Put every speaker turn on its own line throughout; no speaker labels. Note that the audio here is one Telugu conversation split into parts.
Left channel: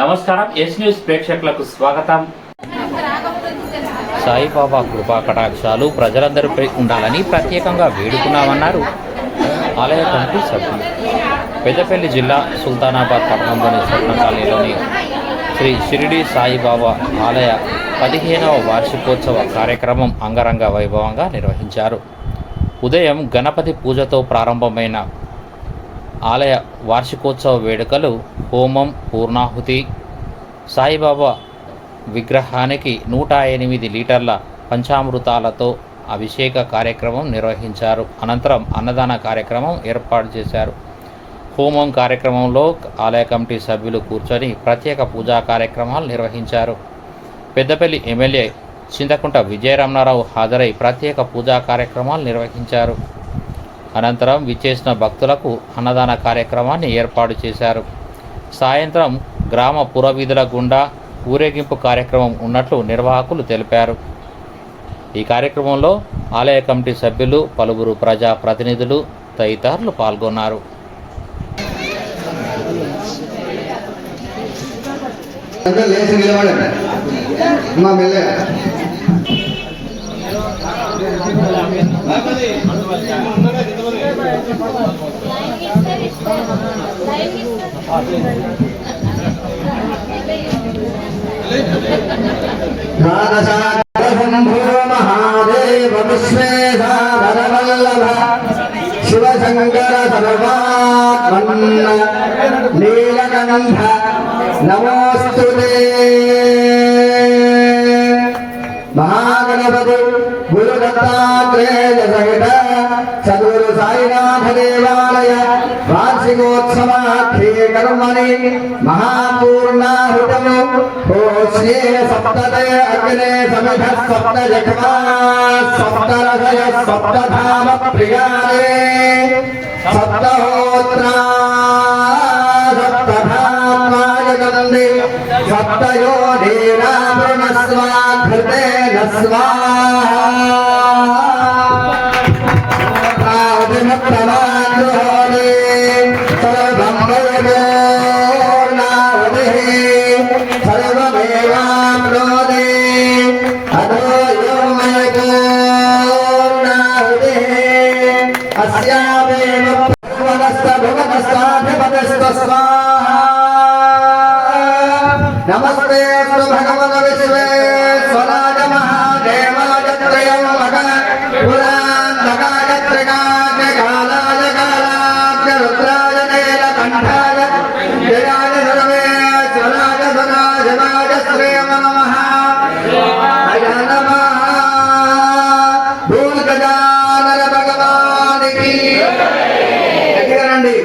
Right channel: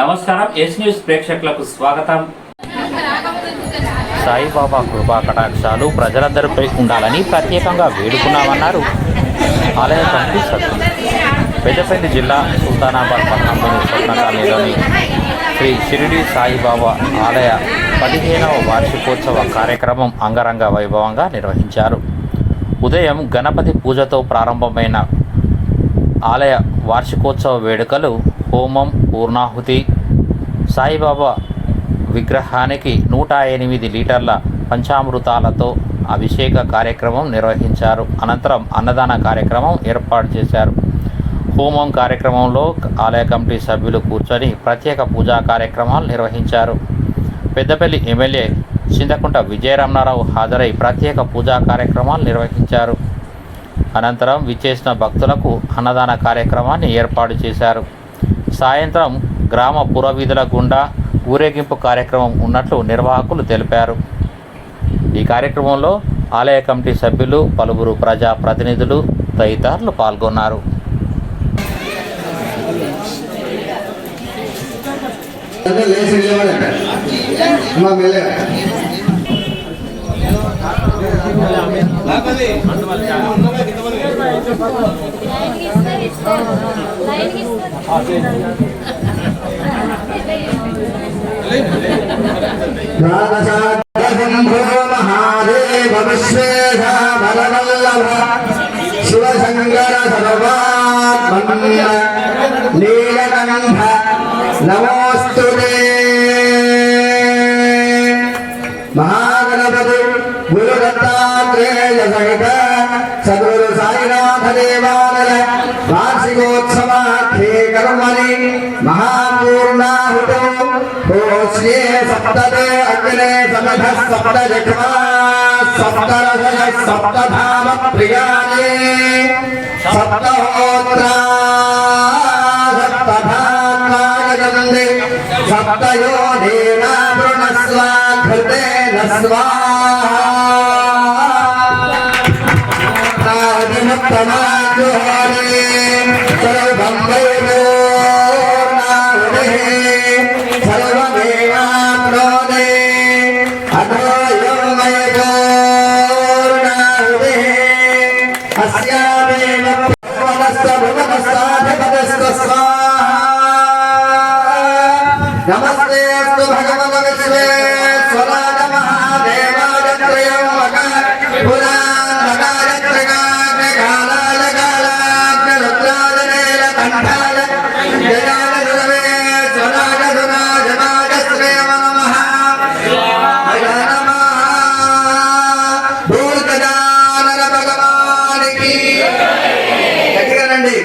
నమస్కారం ఎస్ న్యూస్ ప్రేక్షకులకు స్వాగతం. సాయిబాబా కృపా కటాక్షాలు ప్రజలందరిపై ఉండాలని ప్రత్యేకంగా వేడుకున్నామన్నారు ఆలయ కమిటీ సభ్యులు. పెద్దపల్లి జిల్లా సుల్తానాబాద్ పట్టణంలోని స్వర్ణ కాలనీలోని శ్రీ షిరిడి సాయిబాబా ఆలయ పదిహేనవ వార్షికోత్సవ కార్యక్రమం అంగరంగ వైభవంగా నిర్వహించారు. ఉదయం గణపతి పూజతో ప్రారంభమైన ఆలయ వార్షికోత్సవ వేడుకలు హోమం పూర్ణాహుతి. సాయిబాబా విగ్రహానికి నూట ఎనిమిది లీటర్ల పంచామృతాలతో అభిషేక కార్యక్రమం నిర్వహించారు. అనంతరం అన్నదాన కార్యక్రమం ఏర్పాటు చేశారు. హోమం కార్యక్రమంలో ఆలయ కమిటీ సభ్యులు కూర్చొని ప్రత్యేక పూజా కార్యక్రమాలు నిర్వహించారు. పెద్దపల్లి ఎమ్మెల్యే చింతకుంట విజయరమణారావు హాజరై ప్రత్యేక పూజా కార్యక్రమాలు నిర్వహించారు. అనంతరం విచ్చేసిన భక్తులకు అన్నదాన కార్యక్రమాన్ని ఏర్పాటు చేశారు. సాయంత్రం గ్రామ పురవీధుల గుండా ఊరేగింపు కార్యక్రమం ఉన్నట్లు నిర్వాహకులు తెలిపారు. ఈ కార్యక్రమంలో ఆలయ కమిటీ సభ్యులు పలువురు ప్రజా ప్రతినిధులు తదితరులు పాల్గొన్నారు.
అందరూ మహాదేవ విశ్వేశ వరవల్లభ శివశంకర సర్వాత్మన్ నీలకంఠ. నమోస్తు మహాగణపతి వార్షికోత్సవాఖ్యే కర్మణి మహాపూర్ణాహుతం హోస్యే సప్తదే అగ్నే సమిధ సప్త జఠమా సప్త ధామ ప్రియాణే. సప్తహోత్రా సప్తధాత్మాగందే సప్తయో ధీరావృణ స్వాఘృతే స్వాహా గజానన భగవానికి. దగ్గర రండి.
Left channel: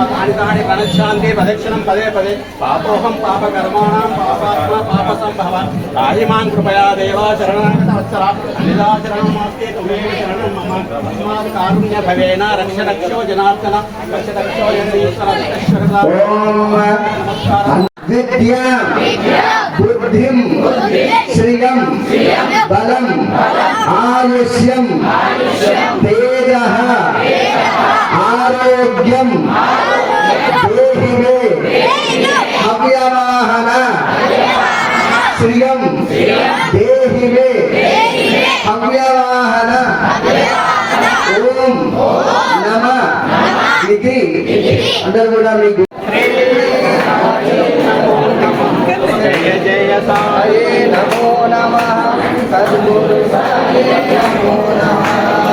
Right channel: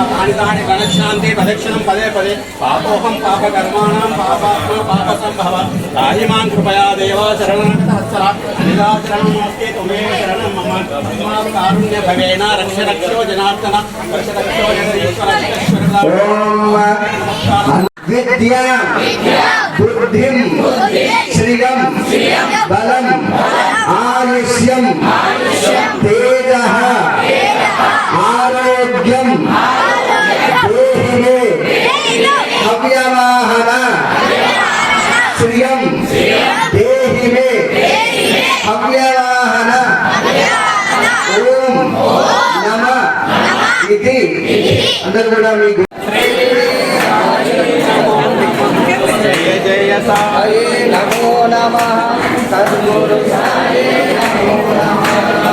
జన్మాంతాని కనశాంతి ప్రదక్షిణం పదే పదే పాపోహం పాపకర్మాణం పాపాత్మ పాప సంభవ రాహిమాం కృపయా దేవా శరణవత్సర అనిరాచరణం మాస్తే తుమేవ శరణం మమ తస్మాత్ కారుణ్య భవేన రక్ష రక్షో జనార్దన రక్ష రక్షో నమస్కారం
విద్యా బుద్ధిం శ్రియం బలం ఆయుష్యం అందరూ కూడా మీకు
జయ జయ సాయి
నమో నమ సద్గురు సాయి నమో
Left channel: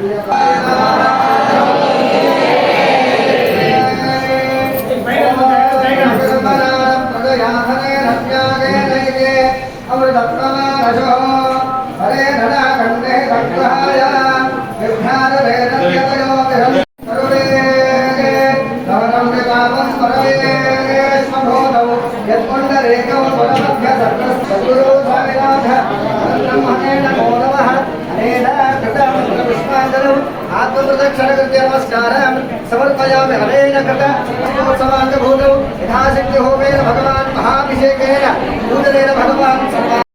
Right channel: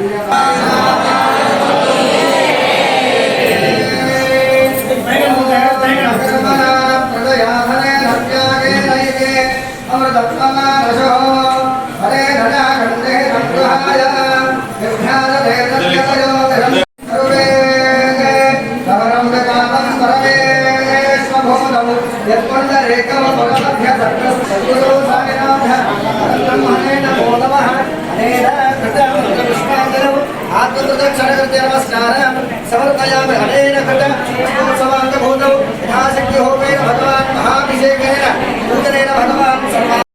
Thank you. आपको तो क्षण करते नमस्कार समर्पयामि भगवान्। महाभिषेकेन।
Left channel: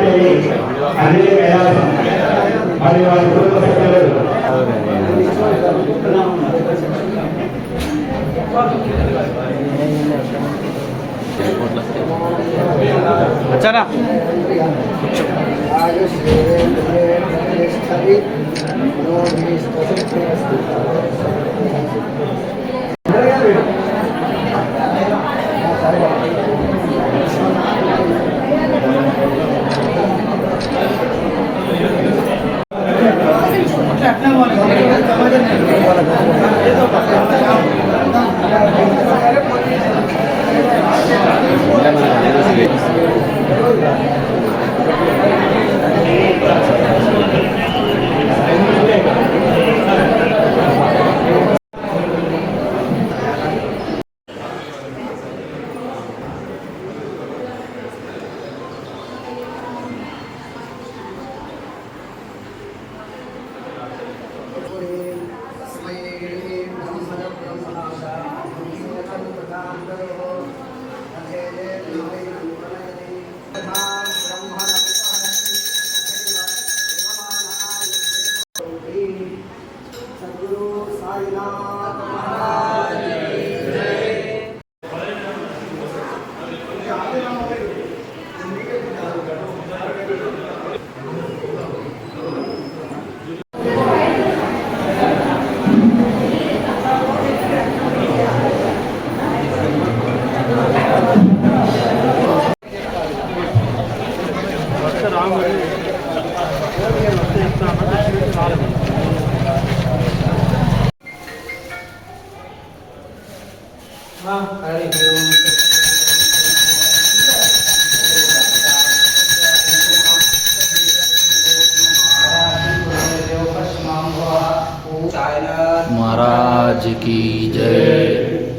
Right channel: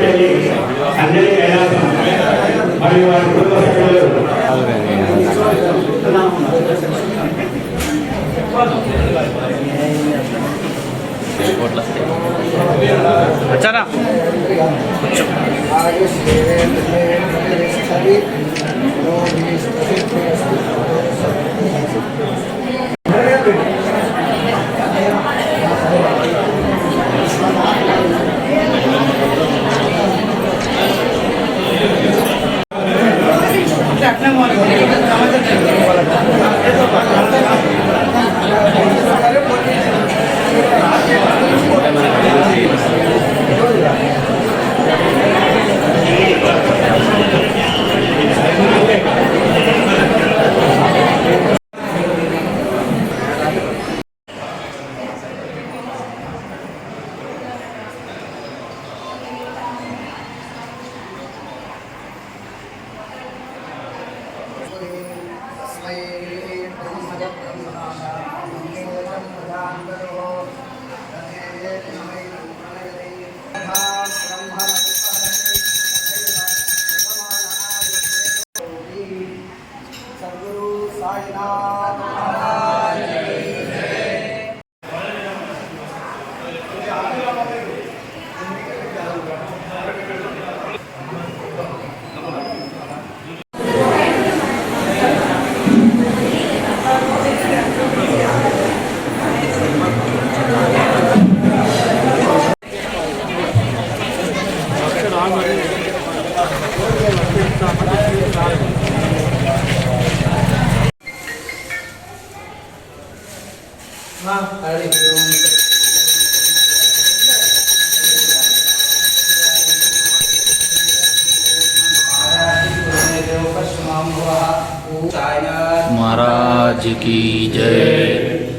భీమకెళ్ళి అంజలి కైలాసం మరియు వారి కుటుంబ సభ్యులు
వచ్చారా
సద్గురు
મહારાજ કી
જય.